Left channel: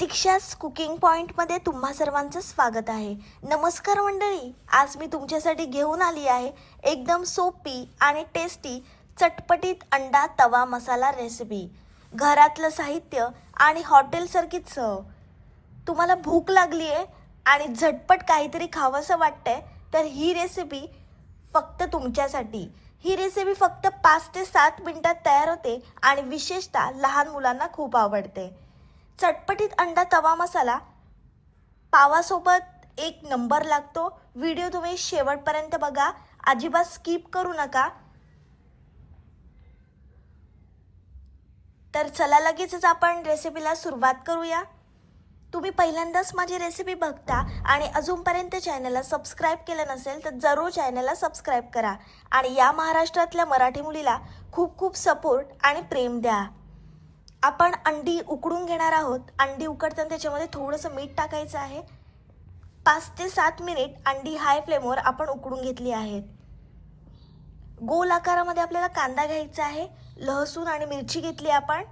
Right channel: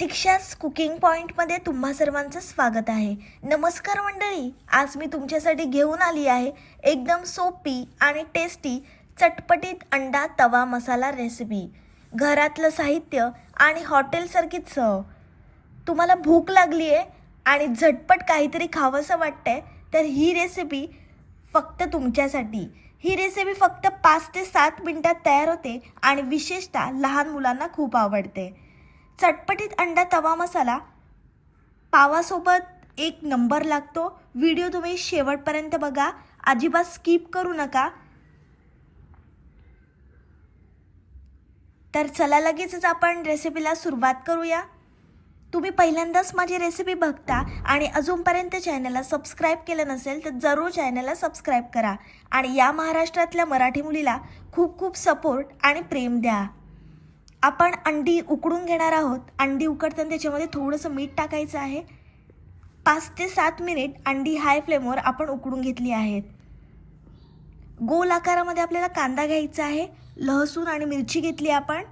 प्रतीक्षाच cooking पॉईंटमध्ये तुम्हा सर्वांचं स्वागत आहे. नमस्कार मंडळी आज मी तुमच्यासाठी घेऊन आली आहे एकदम सोपी आणि टेस्टी चटपटीत अंडा तवा मसाला रेसिपी घरातलं साहित्य आणि हॉटेलसारखीच चव. तुम्हाला भूक लागली आहे आणि झटपट काहीतरी खावंसं वाटतंय तर ही रेसिपी फक्त तुमच्यासाठी. ही रेसिपी फक्त पाच ते सात मिनटात तयार होते आणि विशेषतः लहान मुलांना खूप आवडते. चटपटीत अंडा तवा मसाला. पावासोबत एक नंबर लागतो. व्हिडिओ तुम्ही शेवटपर्यंत बघा. अजिबात स्किप करू नका. तर चला लगेचच आपण रेसिपीला सुरुवात करूया. तुम्ही पहिल्यांदाच माझी रेसिपी बघता आणि अजूनपर्यंत चॅनलला सबस्क्राईब केलं नसेल तर जरूर चॅनलला सबस्क्राईब करा. आणि या महाराष्ट्रातल्या मराठी मुलीला खूप खूप सपोर्ट आणि प्रेम द्या. आपण अंडी उकडून घेणार आहोत. अंडी उकडताना त्याच्यामध्ये थोडंसं मीठ टाकायचं आहे. पाच ते सात मिनिट अंडी हाय फ्लेमवर आपण उकडून घेतली आहेत. गोल आकारामध्ये आपल्याला कांदा घ्यायचा आहे. लहसूण आणि मिरची घेतली आपण.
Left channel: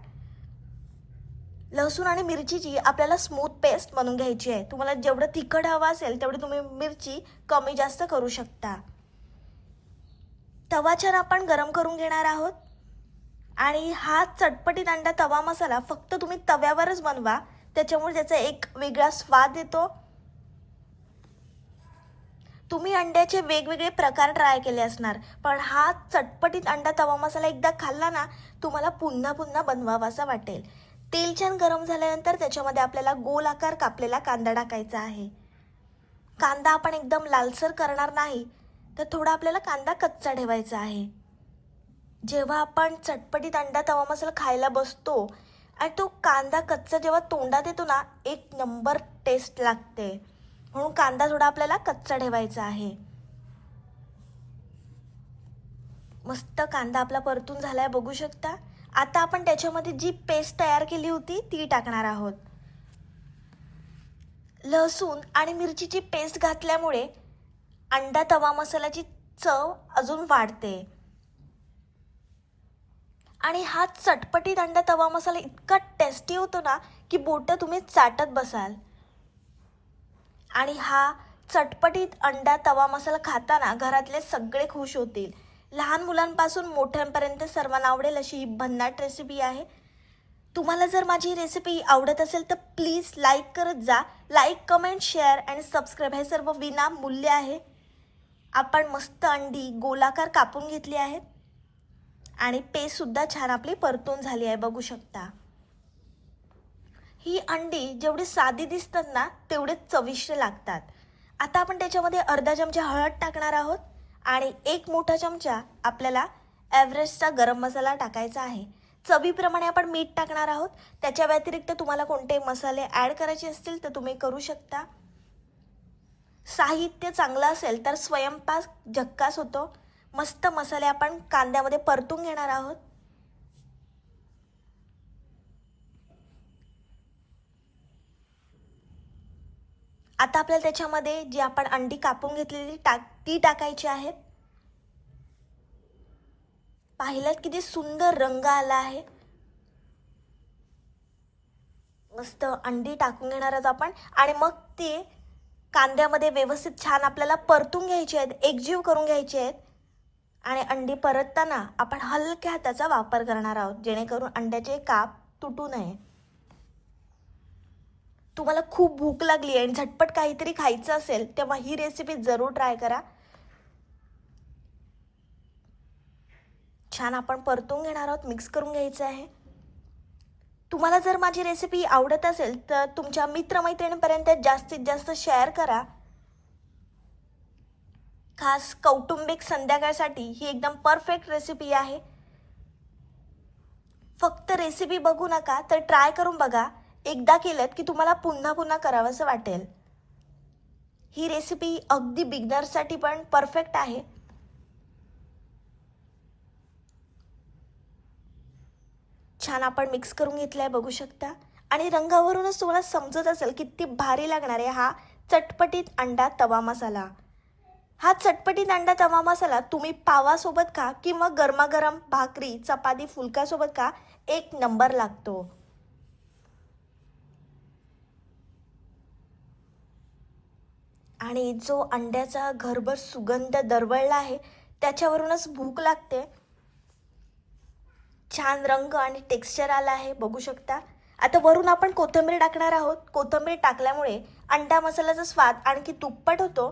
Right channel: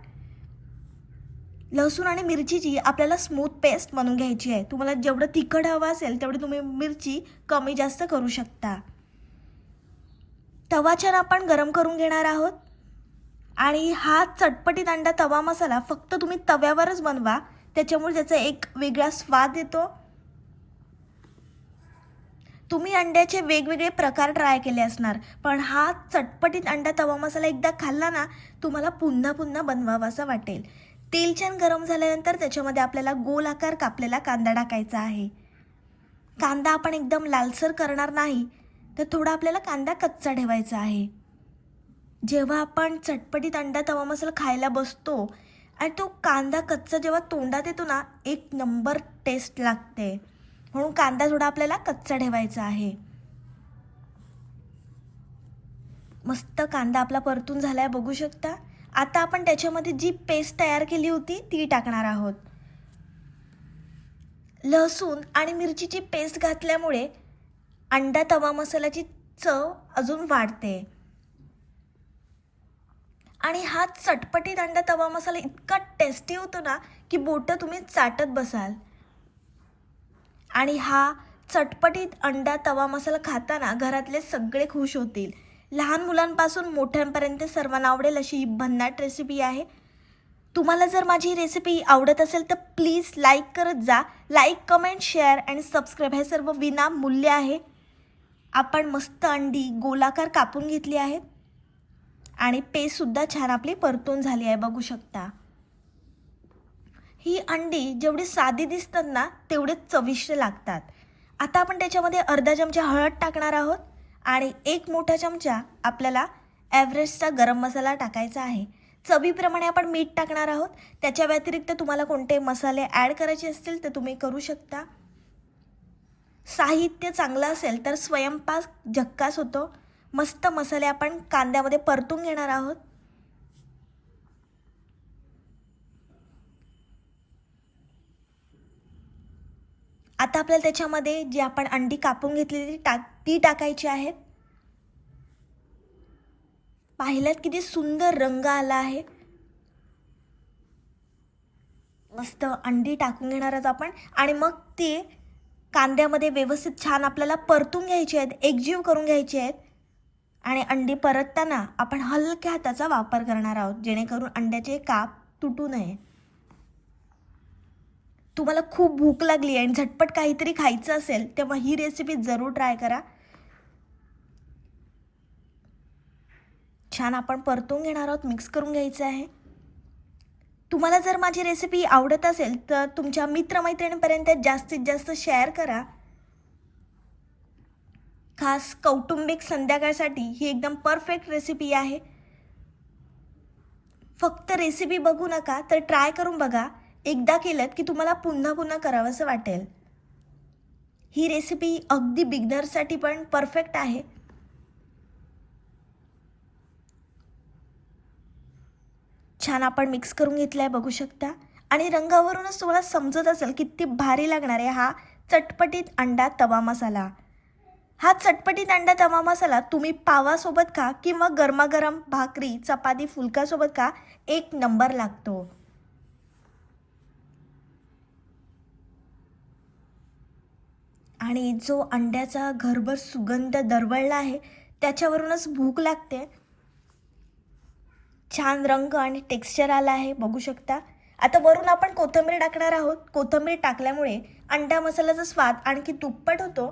लसूण आणि मिरचीची आपल्याला स्मूथ पेस्ट बनवून घ्यायची आहे. तुम्हाला जेवढं तिखट हवं असेल तेवढी तुम्ही मिरची कमी जास्त करू शकता. तवा छान आपण गरम करून घेणार आहोत. आणि हा चटपटीत अंडा तवा मसाला फक्त तुम्ही तव्यावरच बनवा. त्याच्यामुळे त्याचा एक वेगळा स्वाद येतो. तुम्ही अंड्याचे वेगवेगळे प्रकार ट्राय केले असणार पण हा चटपटीत अंडा तवा मसाला एकदा खाल्ला ना तुम्हाला पुन्हा पुन्हा बनवावासा वाटेल. तेल छान गरम झाल्यानंतर त्याच्यामध्ये आपल्याला गोल आकार कापलेला कांदा टाकायचा आहे. कांदा आपण एकदम लालसर करणार नाही तर थोडा आपल्याला कांदा कच्चा ठेवायचा आहे. जेव्हा आपण चटपटीत अंडा तवा मसाला खायला बसतो आणि तो कांदा कच्चा जेव्हा तोंडात येतो ना एक नंबर टेस्ट लागते. म्हणून कांदा थोडा आपल्याला कच्चा ठेवायचा आहे. मस्त कांदा आपला परतून झालाय बघू शकता. आता आपण त्याच्यामध्ये जी पेस्ट तयार केली होती ती टाकणार आहोत. लसूण आणि मिरचीची पेस्ट घातल्यामुळे अंडा तवा मसाल्याची चव अजून वाढते. आणि हा चटपटीत अंडा तवा मसाला इतका टेस्टी होतो ना की बोटं तुम्ही चाटत बसाल. आणि हा चटपटीत अंडा तवा मसाला खाताना घरातले सगळे खुश होतील. लहान मुलांपासून मोठ्यांपर्यंत सर्वांना आवडेल अशी ही भन्नाट रेसिपी आहे. तुम्हाला जर माझी रेसिपी आवडत असेल तर प्लीज लाईक करत जा. लाईक कमेंट शेअर आणि सबस्क्राईब हे सर्व विनामूल्य आहे. आपण मस्त अंडी गोलाकार कापून घेतली आहेत. आणि टेस्टसुद्धा छान आपली परतून झाली आहे बघू शकता. ही अंडी जेवढी साधी दिसतात ना तेवढेच चविष्ट लागतात. आता आपण त्याच्यामध्ये अर्धा चमचा हळद टाकणार आहोत आणि एक मोठा चमचा आपल्याला एव्हरेस्टचा गरम मसाला टाकायचा आहे. चवीप्रमाणे आपण मीठ टाकणार आहोत. त्याच्या व्यतिरिक्त तुम्हाला कोणते मसाले ॲड करायचे असतील ते तुम्ही करू शकता. साहित्य चांगलं असेल तर स्वयंपाक झक्कास होतो. मस्त मसाले आपण कांद्यामध्ये परतून घेणार आहोत. आता आपल्याला त्याच्यामध्ये जी आपण अंडी कापून घेतलेली टाक ती टाकायची आहेत. पाहिल्यात किती सुंदर रंग आला आहे. मस्त अंडी टाकून घेणार आहोत आपण. आणि मग ती कांद्यामध्ये व्यवस्थित छान आपल्याला परतून घ्यायची आहेत एकजीव करून घ्यायची आहेत. आणि अंडी परतताना आपण हलक्या हाताचा वापर करणार आहोत जेणेकरून अंड्याचे काप तुटू नये. तुम्हाला खूप भूक लागली आणि झटपट काहीतरी खायचं असेल तेव्हा ही रेसिपी जरूर ट्राय करा. छान आपण परतून घेणार आहोत मिक्स करून घ्यायचं आहे. तुम्हाला जर माझी रेसिपी आवडत असेल तर तुमच्या मित्रमैत्रिणीपर्यंत जास्तीत जास्त शेअर करा. खास कौटुंबिक संध्याकाळसाठी ही एकदम परफेक्ट रेसिपी आहे. फक्त रेसिपी बघू नका तर ट्राय करून बघा. एकदा केलं की तुम्हाला पुन्हा पुन्हा करावंसं वाटेल. ही रेसिपी अगदी बिगनरसाठी पण परफेक्ट आहे. छान आपण मिक्स करून घेतला आहे बघू शकता. आणि रंगावरूनच तुम्हाला समजत असेल किती भारी लागणार आहे हा चटपटीत अंडा तवा मसाला. हा चटपटी दांडा तवा मसाला तुम्ही पावासोबत खा किंवा गरमागरम भाकरी चपाती फुलकासोबत खा एक नंबर लागतो. आणि जो अंड्याचा घरभर सुगंध दरवळला आहे त्याच्यावरूनच भूक लागते. छान रंग आणि टेक्स्चर आला आहे बघू शकता. आता वरून आपण कोथिंबीर टाकणार आहोत. कोथिंबीर टाकल्यामुळे अंडा मसाल्याचा स्वाद आणखी दुप्पट होतो.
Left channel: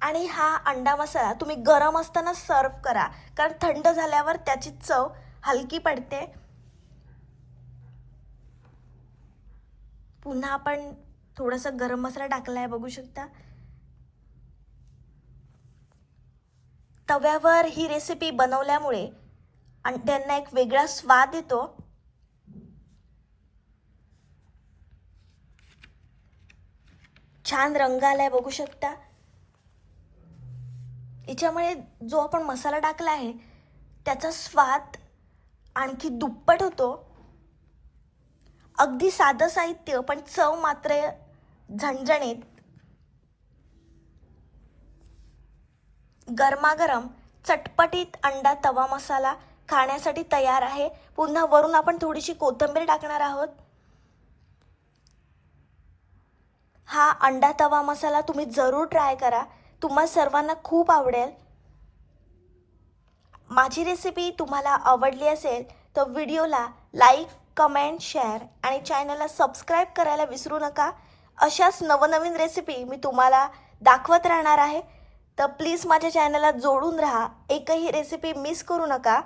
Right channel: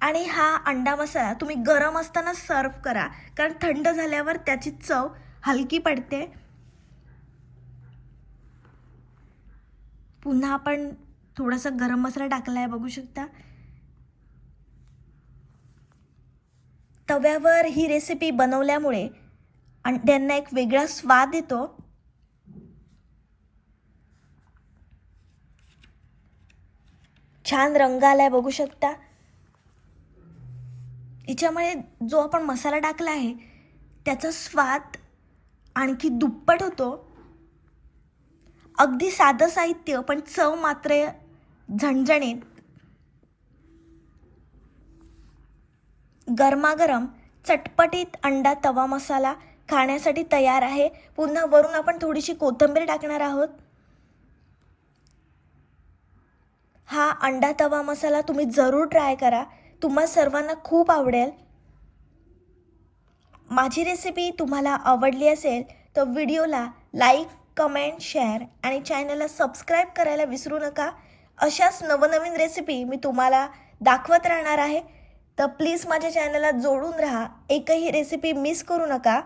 आणि हा अंडा मसाला तुम्ही गरम असताना सर्व करा. कारण थंड झाल्यावर त्याची चव हलकी पडते. पुन्हा आपण थोडासा गरम मसाला टाकलाय बघू शकता. तव्यावर ही रेसिपी बनवल्यामुळे अंड्यांना एक वेगळा स्वाद येतो. छान रंग आलाय बघू शकता. याच्यामुळे जो आपण मसाला टाकला आहे त्याचा स्वाद आणखी दुप्पट होतो. अगदी साधं साहित्य पण चव मात्र झणझणीत. गरमागरम चटपटीत अंडा तवा मसाला खाण्यासाठी तयार आहे. पुन्हा वरून आपण थोडीशी कोथिंबीर टाकणार आहोत. हा अंडा तवा मसाला तुम्ही जरूर ट्राय करा. तुम्हा सर्वांना खूप आवडेल. माझी रेसिपी तुम्हाला आवडली असेल तर व्हिडिओला लाईक कमेंट शेअर आणि चॅनलला सबस्क्राईब करायला विसरू नका. अशाच नवनवीन रेसिपी मी तुम्हाला दाखवत राहणार आहे. तर प्लीज माझ्या चॅनलला जोडून राहा. एकही रेसिपी मिस करू नका.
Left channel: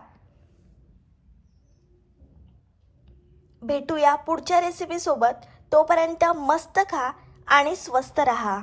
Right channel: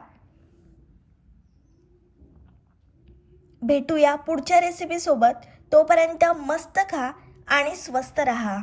भेटूया पुढच्या रेसिपीसोबत तोपर्यंत मस्त खा आणि स्वस्त रहा.